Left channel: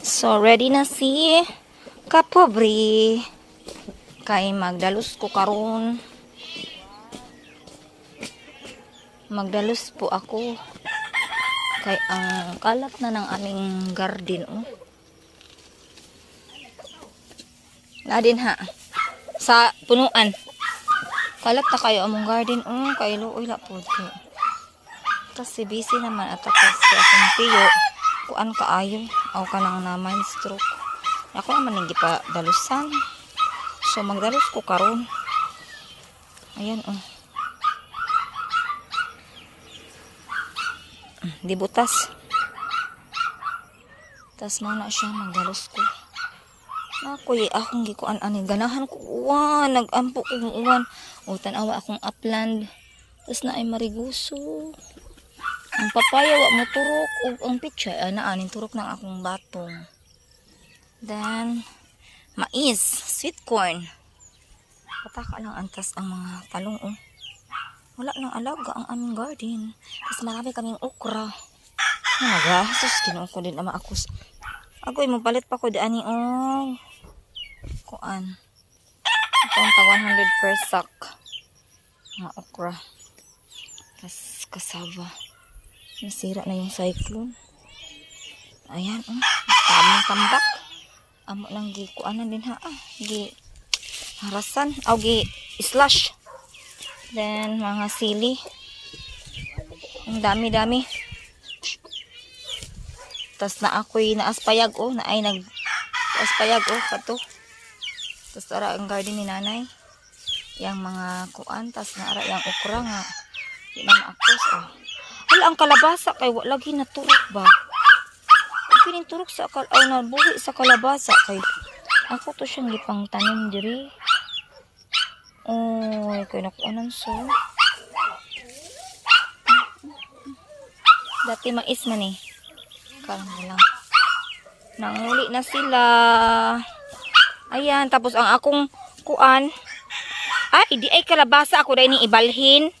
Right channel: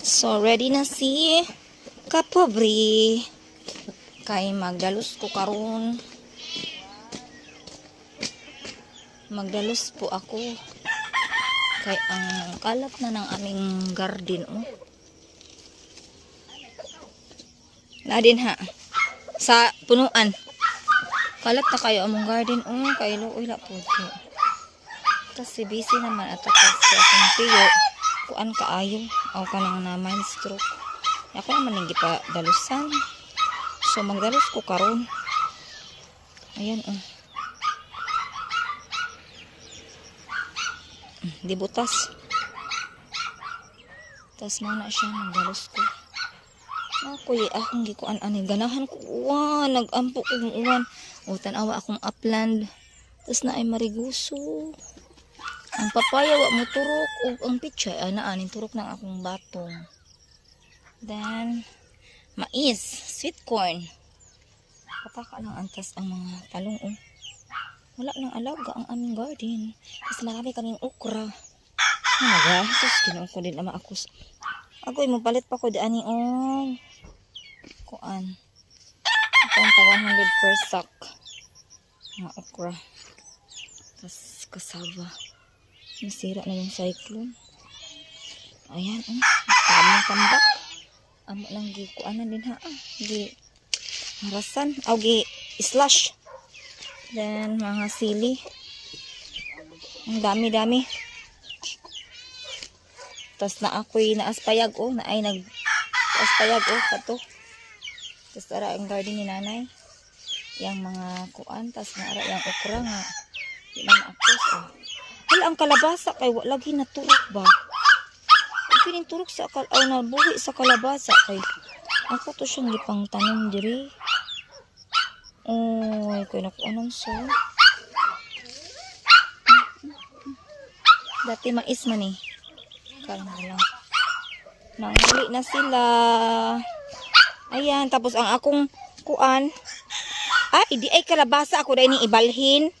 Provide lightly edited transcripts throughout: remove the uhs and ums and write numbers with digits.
So, ready na si Kapobre. Kay magdalos ko karon. Magdalos po ako. Kay ang kalat na ng aming garden, oh. Ladin ha. Sa punuan. Kalat na kayo among garden, oh. Kay luoy la po. Kasi busy naman at ako sa akong tiyo. Kuan kaayo. Aw ka nang na mind stroke. Ako naman hindi pa dalusan. So magdalos ko karon. Ayan, oh. Di butas. Tas mo na siya, magdalos ko. Ako akong gikuan ani ganahan ko uwan, nagampo ko uwan. O tanawa akong upland. Tas na ay mariguso. Ang papaya wa mo turok o ang pitsa ana anin turok ng akong batong. Then mais, sweet corn. Pataka lang antas ang mga talong, oh. Wala nang alaga ang aming garden. Tapos marami kaming okra. Sus, kinuha ko din ama ako. Agoy, mapalit pa ko diani, oh. Kuan. Ito ang 100 per sack. Mga okra. Tapos kasaba. Nasira na yung cyclone. Ayan, oh. Tamang tambak. Amo lang kuanan din ha. Gi harasan. O gi slash. Then, mga sili. Ang dami-dami. Tapos na ako'y naaspayag, oh. Na ay nag-aspayag, oh. Kato. Tapos ara ang garden ni nanay. Yang mga kuan. Tapos na ara yung okra nga. Di na maakos, oh. Hala, ang kalabasa kay wala lagi naturok ba? Kining turok sa nabuhi sa kalabasa kay ako to siyang gipang tanim diri. Oh, kay nakuanan so. Dati mais man eh. Kala lang. Nanguli na sila. Ayan, tapos ang akong kuan. Ay, di ay kalabasa ako dahil ni ibalhin.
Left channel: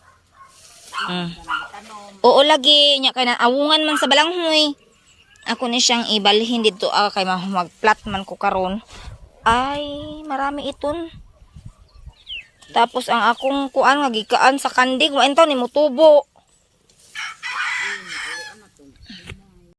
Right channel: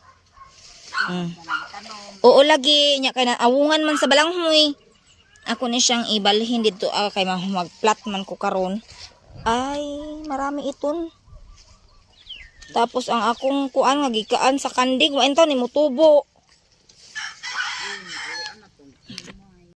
Oo lagi nya kay na awungan man sa balanghoy. Ako ni siyang ibalhin dito kay magplat man ko karon. Ay, marami iton. Tapos ang akong kuan nga gikaan sa kandig wa entaw ni motubo.